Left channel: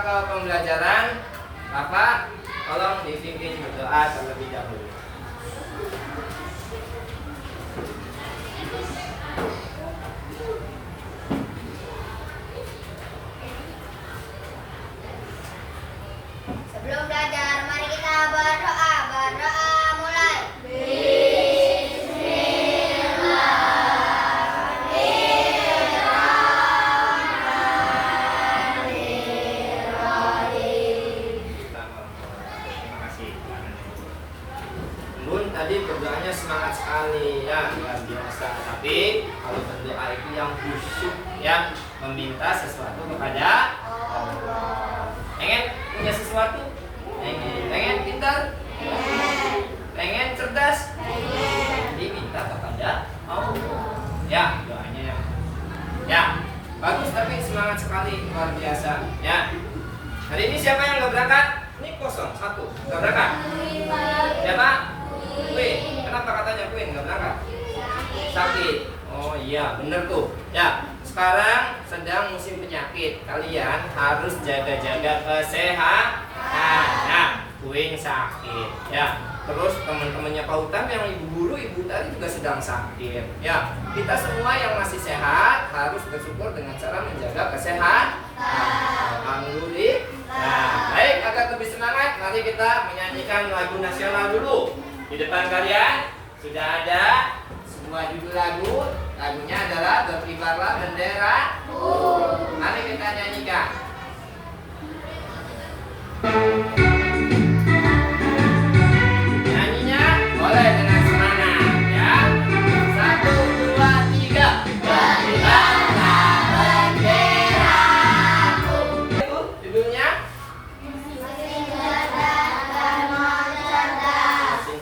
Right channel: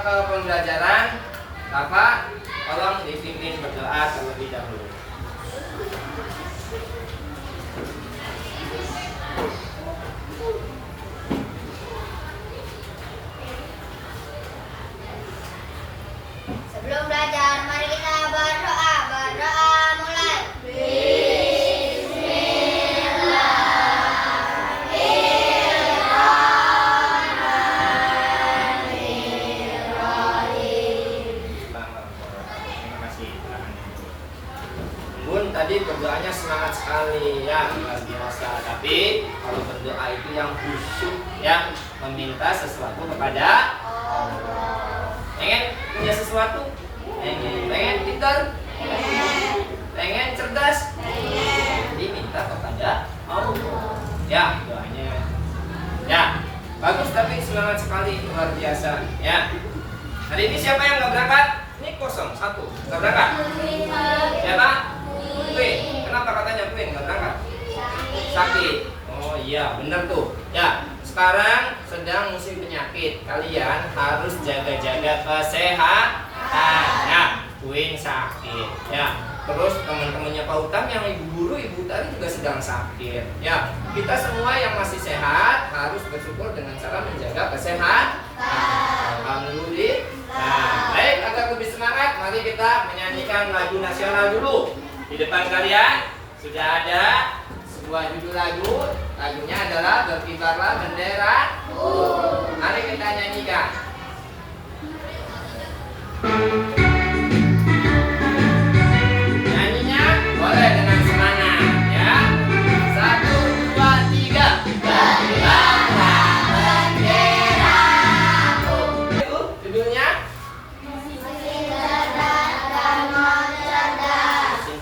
ke pembelajaran, Bapak tolong dipimpin berdoa terlebih dahulu. Sebelum belajar, mari kita berdoa. Berdoa mulai. Bun tadi berdoanya semangat sekali ya, luar biasa. Tapi kalau berdoa itu yang khusyuk ya, meminta sesuatu kepada Allah. Pengen punya sesuatu? Pengen pintar? Pengen cerdas? Diminta kepada Allah. Ya, doanya yang ya, bagus tapi semangat sekali, luar biasa ya. Hari ini siapa yang nggak berangkat? Ini kosong, satu, nggak berangkat. Siapa? Queen. Kenapa katanya Queen nggak berangkat? Sakit. Oh iya, bener tuh. Ya, sekarang sedang musim penyakit. Kalian harus jaga-jaga kesehatan. Ya, Queen sakit. Ya, terus teman-temannya Pak Utam yang ibu guru, ibu Tari juga sedang sakit. Ya, kita semua yang masih sehat harus bersyukur dengan cara menjaga kesehatan. Alhamdulillah. Nah, baik, agar lebih semangat, mari kita menyanyikan lagu nasional dulu. Di depan kalian sudah ada sebuah judul lagu. Lagunya adalah Berkibarlah Bendera. Mari kita nyanyikan. Nyanyinya boleh dengan semangat ya. 1, 2, 3. Berkibarlah benderaku. Itu judulnya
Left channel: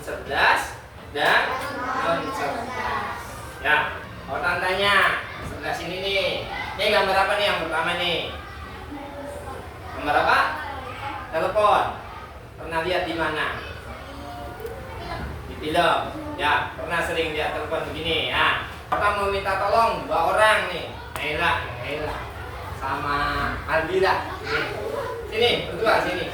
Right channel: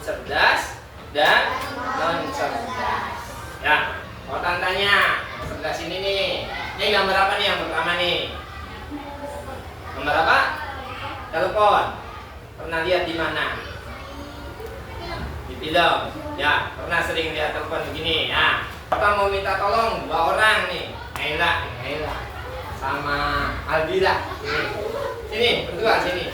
cerdas dan non cerdas. Ya, mau tantanya sebelah sini nih. Ini gambar apa nih yang pertama nih? Gambar apa? Telepon. Pernah lihat di mana? Di film. Ya, pernah sering lihat telepon begini. Ya, Bapak mau minta tolong 2 orang nih. Naila sama Albila. Sini, berdua sini.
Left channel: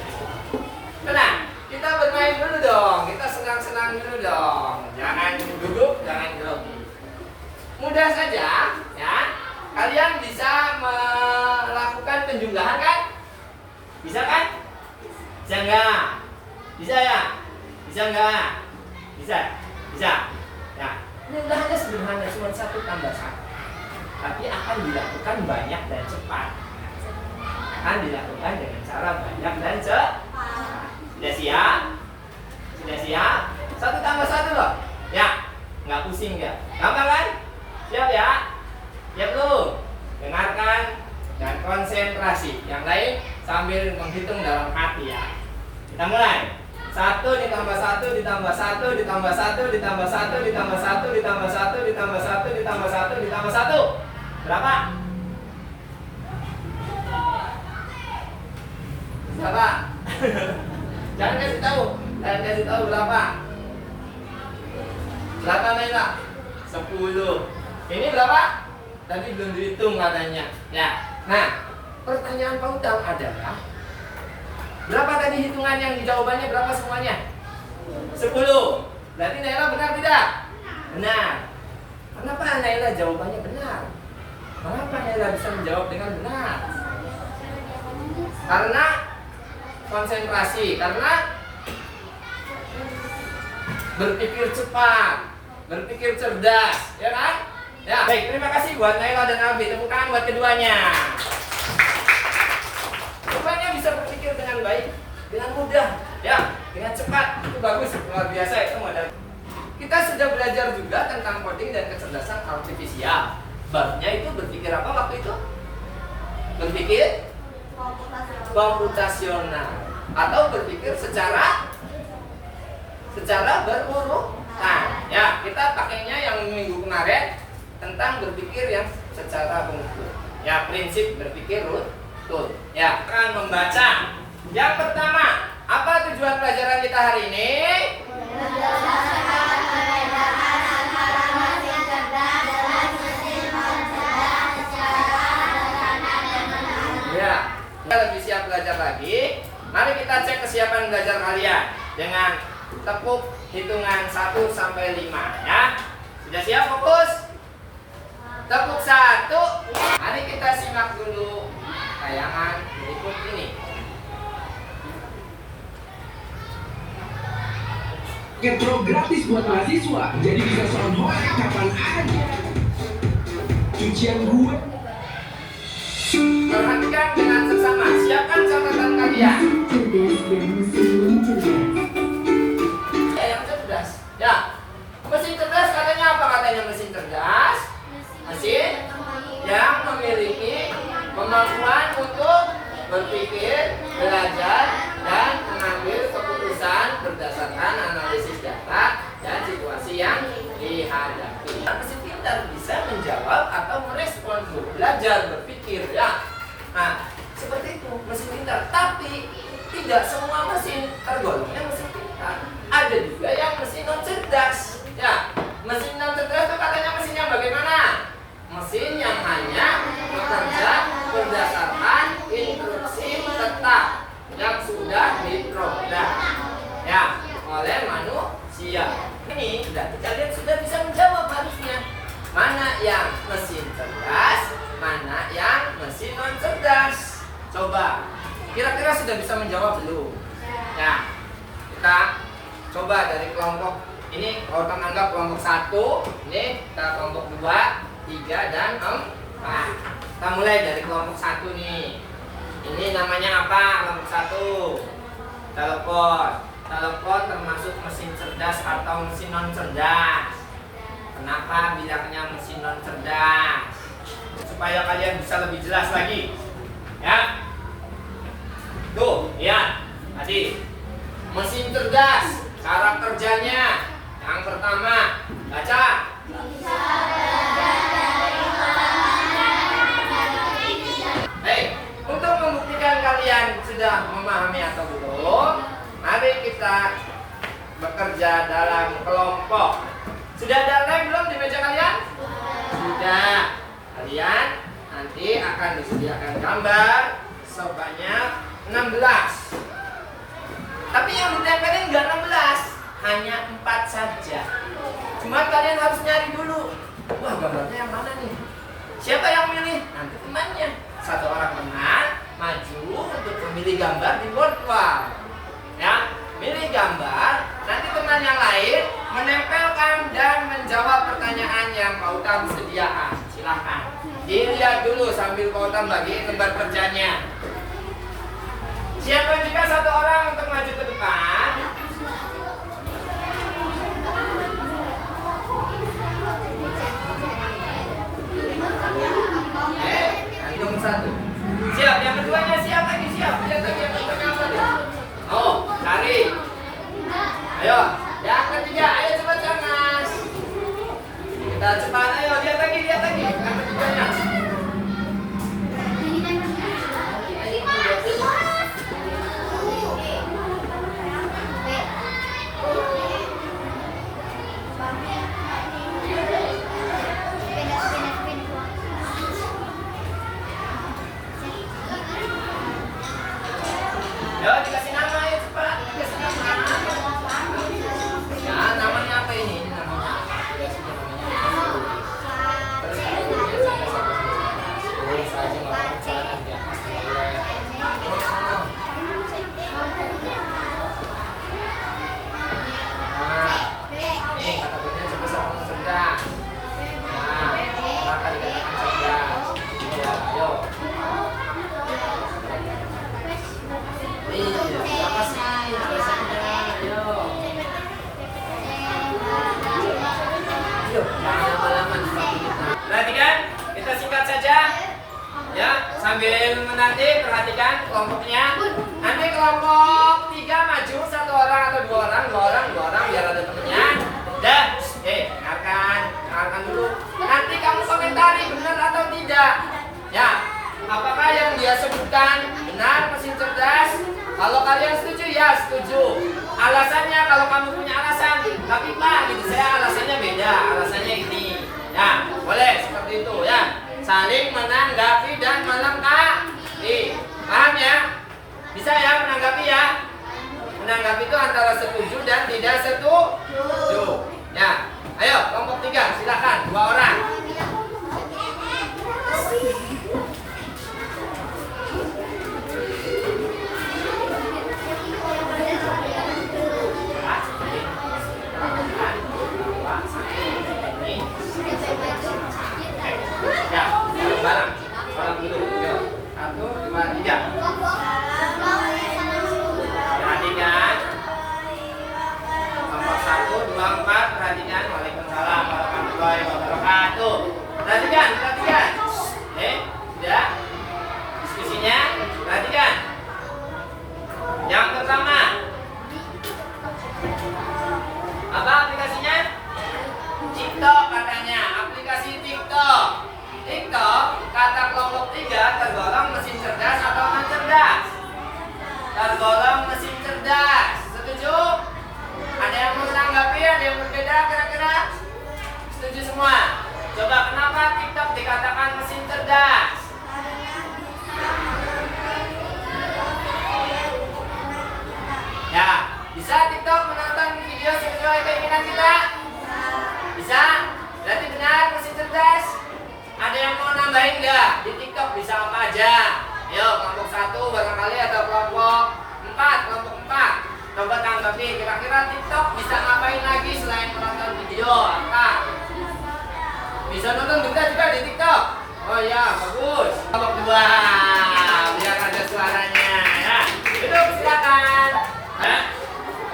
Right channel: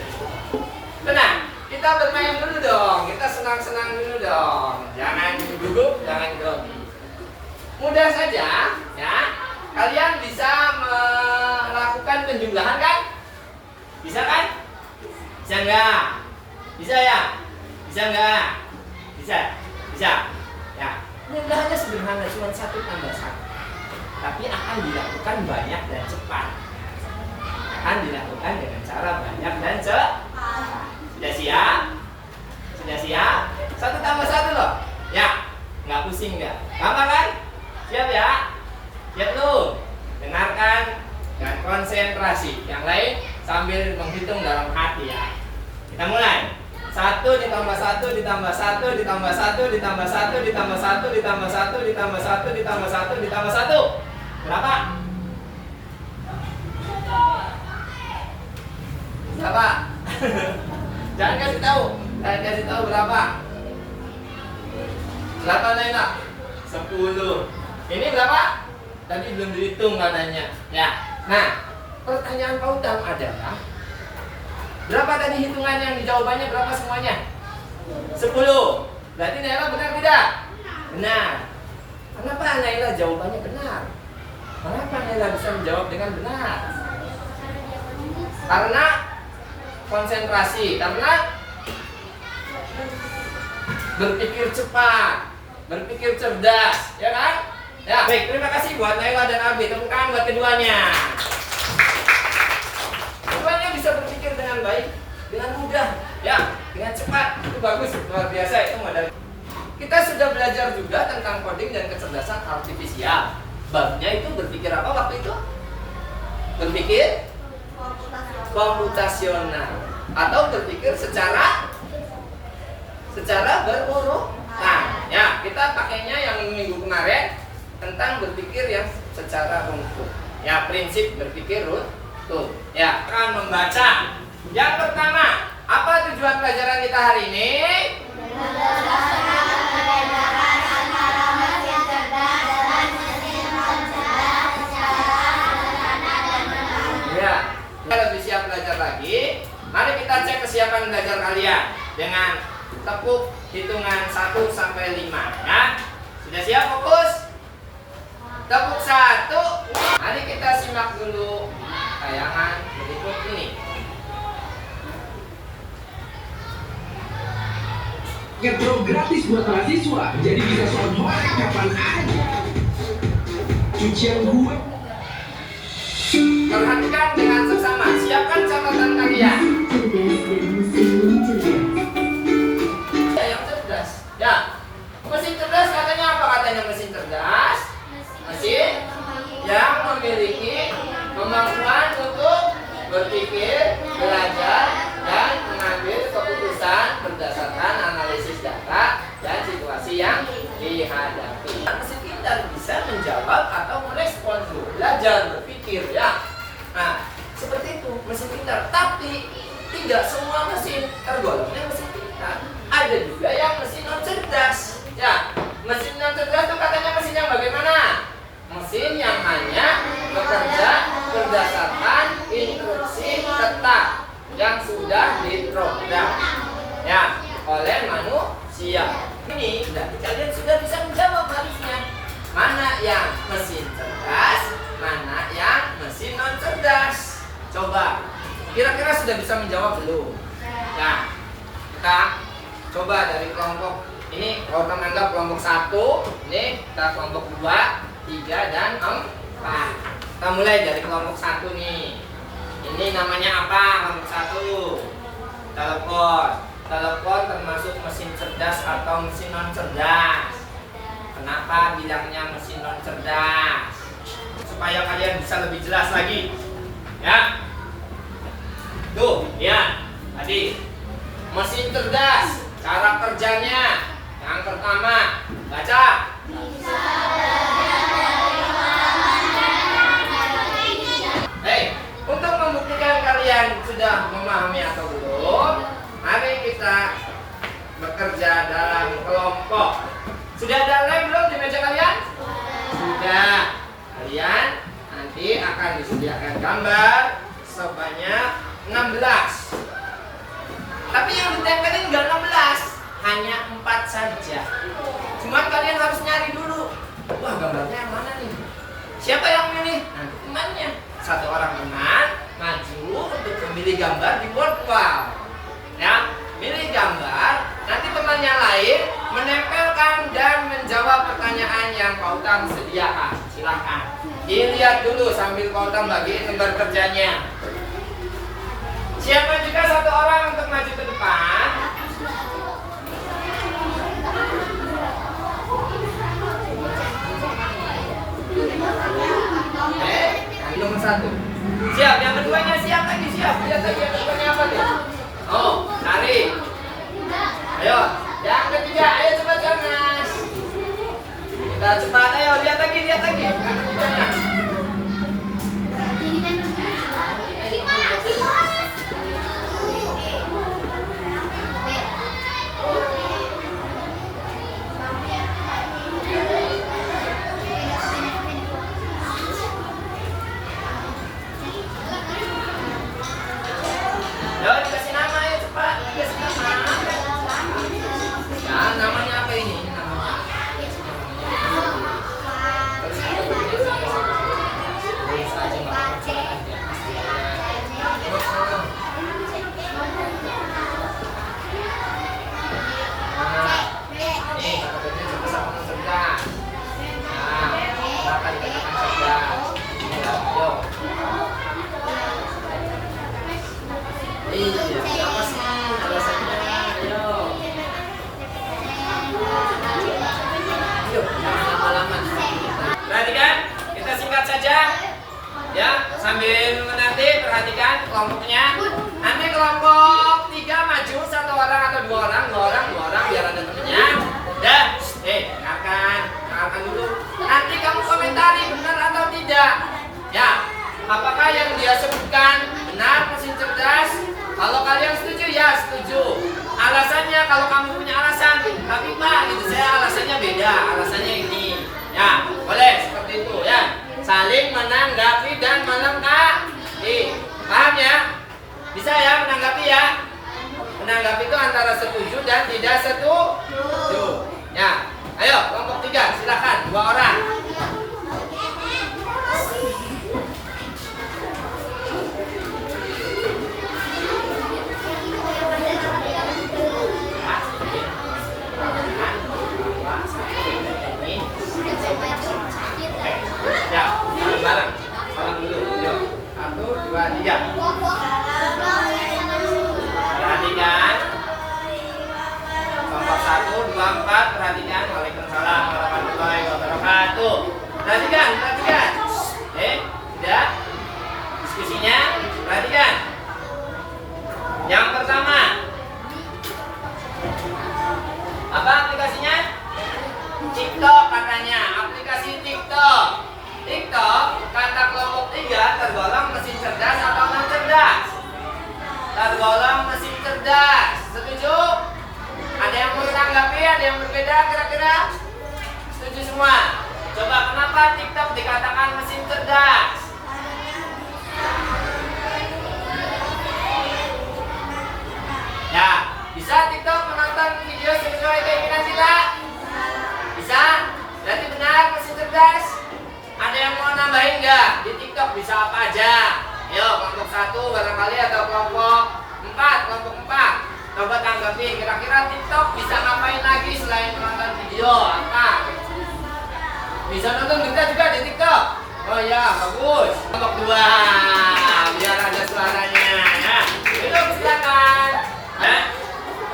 Tenang. Kita bermain dulu dong, kita senang-senang dulu dong. Jangan gugup, jangan grogi. Mudah saja, ya. Kalian bisa melakukan penjumlahan kan? Bisa kan? Bisa enggak? Bisa ya? Bisa enggak? Bisa? Bisa? Ya. Penjumlahannya sederhana, cuma 1 tambah 1. Tapi akan dilakukan banyak dan cepat. Akan dilakukan dengan cara banyak dan cepat. Sudah siap? Sudah siap? 1 tambah 1 loh. Ya, nggak pusing nggak? Gampang kan? Siap ya? Siap lu? Dengarkan dan konsentrasi. Yang lain sambil menghitung dalam hati ya. Kita mulai. 1 ditambah 1 ditambah 1 ditambah 1 ditambah 1 ditambah 1 ditambah 1 ditambah 1 ditambah 1 ditambah 1. Berapa? Berapa? Jangan kasih tahu. Jangan kasih tahu berapa. Berapa Naila? 10. Ini berapa? Tadi belum dihitung katanya. Ya. Nah, pertanyaan Pak Utang adalah berapa tadi hitungan yang jawabannya berapa semuanya? 10. Berarti Naila benar tidak? Benar. Kenapa Naila jawabannya benar? Kenapa Naila bisa menjawab dengan benar? Karena konsentrasi, karena berpikir cepat, berpikir cerdas, ya kan? Ya, baik, terima kasih buat Naila dan Abi. Tepuk tangan buat keduanya. Rupanya bisa berpikir dengan baik, dengan mudah, ya, dengan cepat. Itu bagus, luar biasa itu modal. Kita sudah belajar juga tentang coding dan kecerdasan artifisial. Babnya itu berpikir apa waktu itu? Berpikir komputasional atau berpikir secara berurutan. Ya, kita pakainya yang minggu kemarin tentang berpikir yang secara runtut. Ya, prinsip berpikir runtut. Ya, akan membaca. Yang pertama, apa tujuan pelajaran kita hari ini? Ya, kita lebih siap siap belajar lagi, mari kita cek kesiapan belajar kalian dengan tepuk hitungan 1 sampai 5 ya. Sudah siap fokus? Tepuk 1. Mari kita simak dulu tayangan berikut ini. Ngetro gratis buat mahasiswa, jadi bisa soal hoka kapan aja. Cucian gue. Perhatikan dengan seksama, siapkan catatan kalian. Yang cerdas, ya. Mesin cerdas katanya apa? Katanya mesin cerdas, mesin yang memiliki kemampuan untuk berpikir, belajar, dan mengambil keputusan berdasarkan analisis data dan situasi yang dihadapi. Mesin pintar bisa menjawab atau merespon, belajar, berpikir ya. Nah, seperti itu mesin pintar. Tapi tidak semua mesin tergolongnya mesin pintar. Ada juga yang mesin non cerdas. Ya, mesin non cerdas itu katanya mesin yang bagaimana? Mesin yang hanya bekerja berdasarkan instruksi tetap yang sudah diprogram ya oleh manusia. Ini berarti kalian sudah bisa menjawab harusnya mana yang mesin cerdas, mana yang mesin non cerdas. Coba kira-kira sudah bisa menjawab belum? Ya, kita coba dari kelompok ini. Kalau kita anggap kelompok 1, ini kita kelompok 2, 3, dan 4. Kita mulai dari kelompok 1 nih. Ini namanya apa? Kelompok 1. Telepon. Telepon termasuk mesin cerdas atau mesin non cerdas. Kenapa bilangnya mesin non cerdas? Supaya kalian bisa lebih jelas lagi. Ya. Tuh, ya. Tadi mesin cerdas, cara kerjanya. Yang pertama, baca. Hei, untuk membuktikan kalian sudah memahami atau belum, mari kita bekerja dalam kelompok. Sudah ada lem belum di meja kalian? Sudah. Kalian nanti akan disediakan gambar sebanyak 16. Tapi yang ditempelin enggak 16, hanya 4 saja. Cuman kalian harus nyari dulu. Wah, gambarnya yang mana nih? Siapa yang milih? Nanti temannya. Satu orang teman maju untuk memilih gambar di board wall. Ya, milih gambar. Nanti temannya lain menempelkan dan menjawab pertanyaan yang Pak Utam sediakan. Silakan dilihat dulu sambil Pak Utam bagiin lembar kerjanya. Siapa juga satu orang untuk maju ke depan. Yang nomor 1 siap, yang keduanya siap lagi, siap. Lihat lagi yang keduanya apa tuh? Oh, cari. Ayo, yang ketiga, ayo cepat Jonas. Kita cepat, ayo lihat lagi yang ketiganya. Perhatikan, kita singkat saja ya, sambil menanti. Perhatikan kelompoknya. Nanti kelompok 3 maju, 1 orang atau 2 orang biar ada temennya. Dah, dengarkan dulu. Nanti kamu komentari benar atau tidak. Ya, apakah yang dia sebutkan benar mesin cerdas? Kalau kalian setuju, ya setuju. Alasannya kalau kamu punya alasan, tapi Pak, gitu saya alasannya beda, alasannya ini. Ya, boleh seperti itu ya. Saling menanggapi dan melengkapi. Paham ya? Bisa ya menanggapi ya? Menanggapi itu antara setuju dan tidak setuju. Ya, ayo kelompok 3 silakan 2 orang. Ya, bareng-bareng. Salam dulu. Yuk. 1, 2, 3. Perhatikan. Kelompok 1, 2, 4. Perhatikan. Waalaikumsalam warahmatullahi wabarakatuh. Perhatikan. Sudah? Diskusinya. Perhatikan. Yang pertama. Apa aplikasinya? TikTok katanya. Aplikasi TikTok. Kata kelompok 3 tergolong mesin cerdas atau non cerdas? Tergolong mesin cerdas. Setuju? Ada yang mau tanggapi? Ada yang berbeda kira-kira? Setuju semua? Coba kenapa TikTok dikatakan mesin cerdas? Ya, bisa TikTok menonton video sesuai keinginan kita? Bisa? Berarti benar mesin cerdas? Ada yang mau nambahin nggak? Di TikTok bisa apa aja? Ayo, kelompok 1 barangkali atau kelompok 4. Coba tanggapi, kira-kira TikTok bisa ngapain lagi selain menonton video? Apa? Bisa nonton berita juga di TikTok? Oh ya, bagus. Kelompok 2, biar ada suaranya ya. Itu silakan.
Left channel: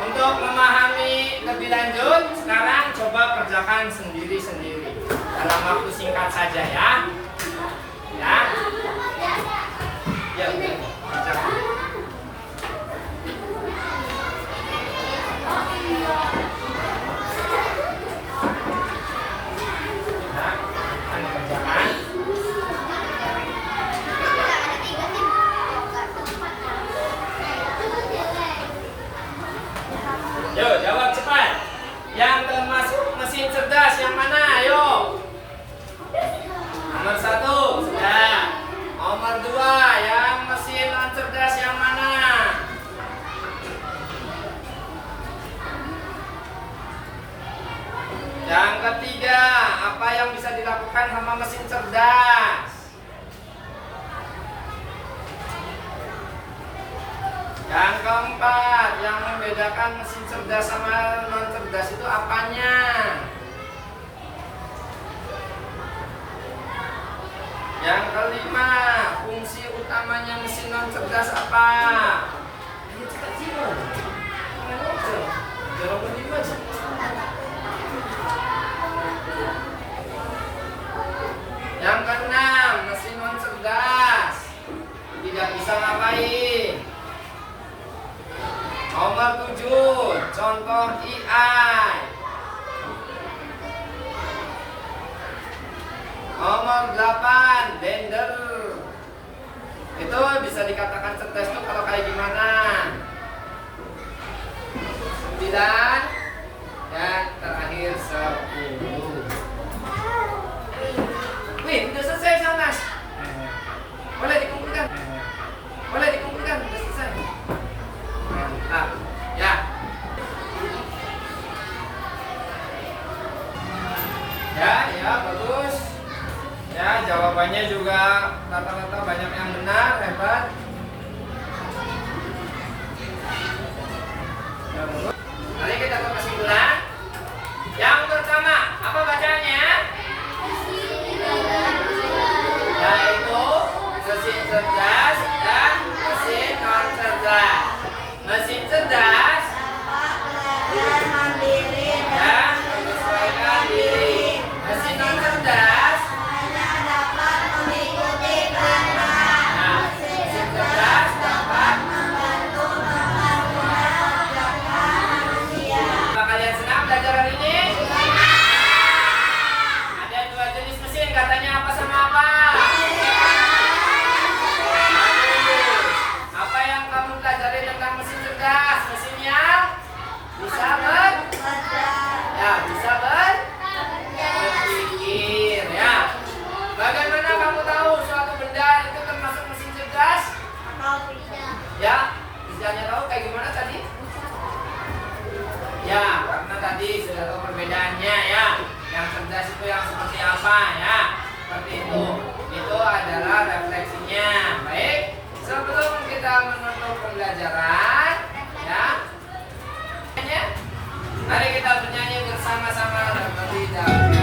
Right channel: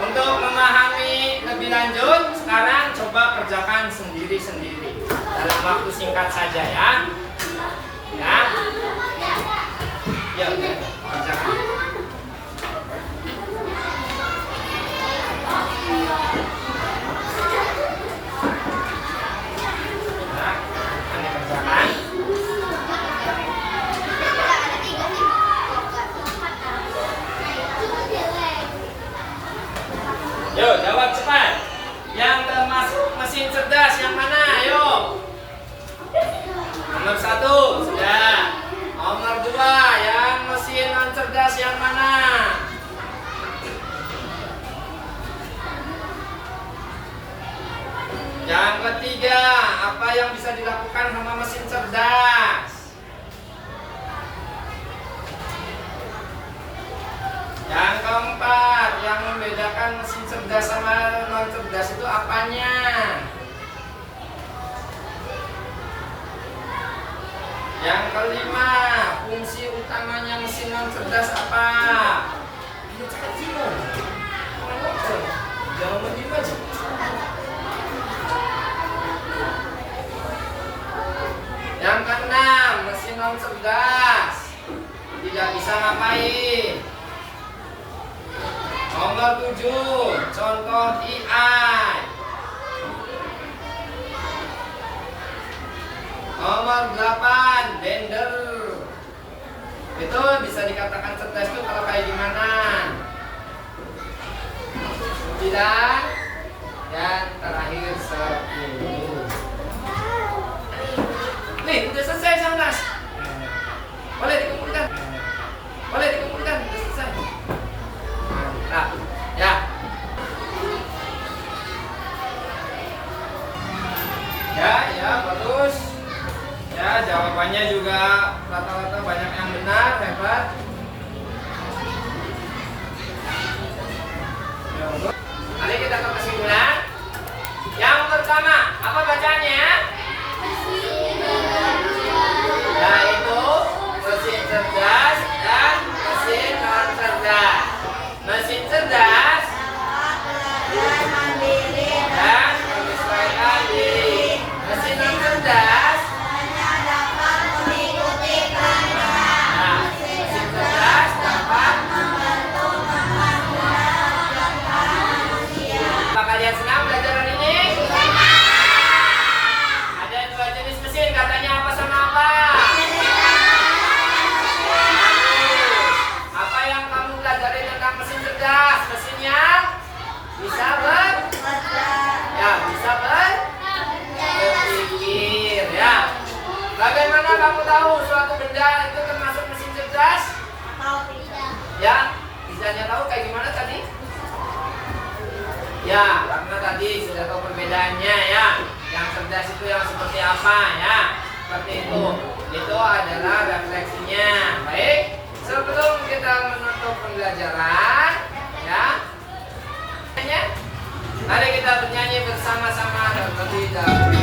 Untuk memahami lebih lanjut, sekarang coba kerjakan sendiri-sendiri dalam waktu singkat saja ya. Ya. Ya, kerjakan. Ya, ini kerjakan. Yuk, jawab cepat. Yang termasuk mesin cerdas yang mana? Ayo. Nomor 1 sudah. Nomor 2 yang mesin non cerdas yang mana? Yang ketiga, apa yang bisa dilakukan sama mesin cerdas? Yang keempat, yang membedakan mesin cerdas sama non cerdas itu apanya? Yang kelima, fungsi utamanya mesin non cerdas apa? Ini cepat sih loh. Jangan diem aja. Yang keenam, mesin non cerdas tidak bisa ngapain? Nomor 7, contoh AI. Nomor 8, blender. Itu bisa dikatakan cerdas itu kalau kayak gimana? 9, dan terakhir 10. Nih, udah selesai Mas. Boleh dikumpulkan. Udah selesai. Mantap. Ya. Ya, bagus. Ya, jawabannya juga rata-rata banyak yang benar, hebat. Ya, bagus. Mari kita ke kesimpulan. Yang pertama, apa bacaannya? Yaitu mesin cerdas dan mesin non cerdas. Mesin cerdas dan menyesuaikan diri. Mesin non cerdas hanya dapat mengikuti perintah. apa ya. Seperti itu. Itu adalah refleksinya. Baik. Sebelum kita menutup pembelajaran, ya. Mari kita bernyanyi bersama-sama terlebih dahulu.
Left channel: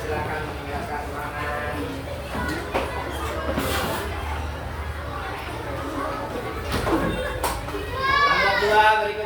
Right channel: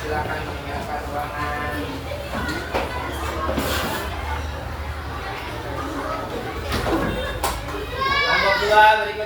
Silakan meninggalkan ruangan. Kelompok 2 berikut.